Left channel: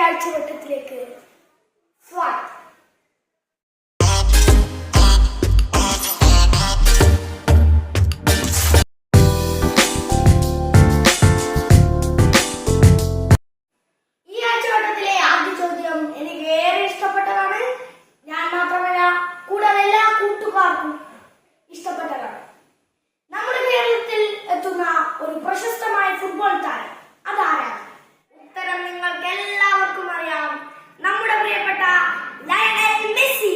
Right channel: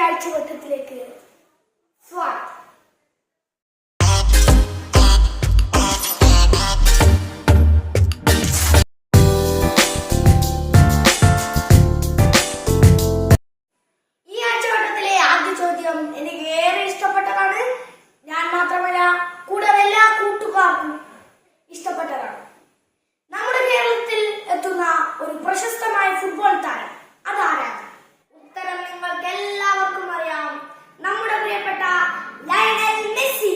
ആഴ്ചവട്ടത്തിലേക്ക് സ്വാഗതം Lionel Messi.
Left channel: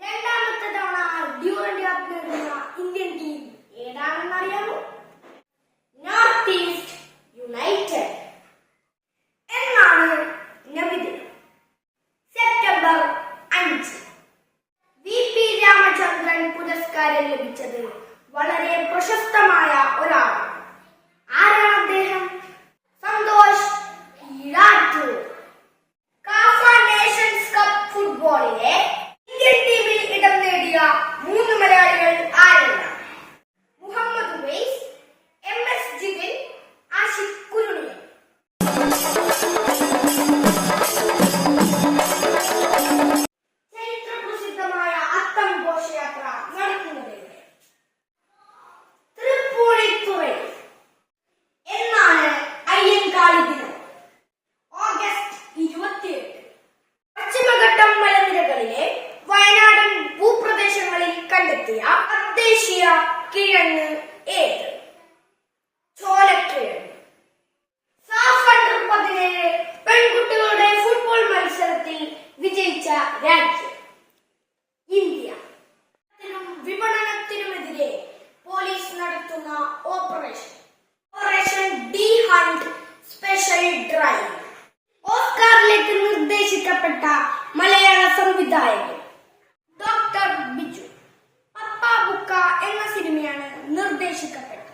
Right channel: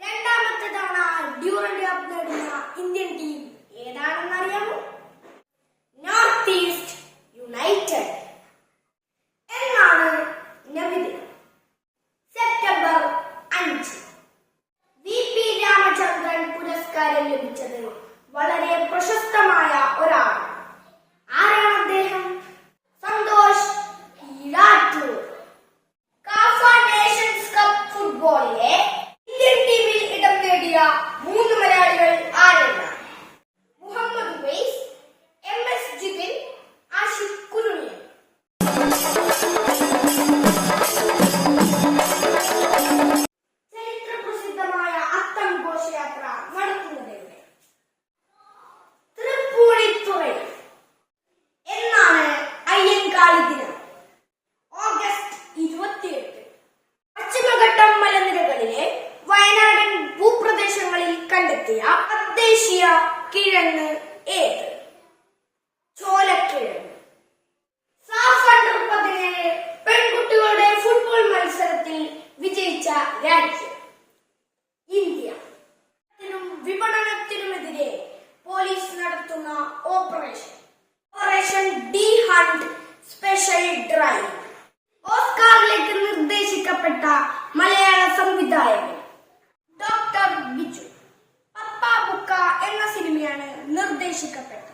രണ്ടാമത്തെ തവണ ഡ്യൂറന്റ് കപ്പ് നേടുന്ന ഇന്ത്യൻ ടീം ഏതാണെന്ന് അറിയാമോ നോർത്ത് ഈസ്റ്റ് യുണൈറ്റഡ്. എന്നാണ് സെപ്റ്റംബർ പുരസ്കാരം ലഭിച്ചത് വളരെ പ്രശസ്തമായ ഒരാൾ. ആരാണ് അദ്ദേഹം? കണ്ടെത്തിയ തദ്ദേശീയ കിഴങ്ങ് ഏത്? പെൺകുട്ടികളുടെ ഫുട്ബോൾ മത്സരത്തിൽ വിജയിച്ച ഇന്ത്യ. പോലീസ് നടത്തുന്ന operation. Operation D Hunt special drive. ഓസ്കാറിലേക്ക് നിർദ്ദേശിക്കപ്പെട്ട മലയാള സംവിധായകൻ América.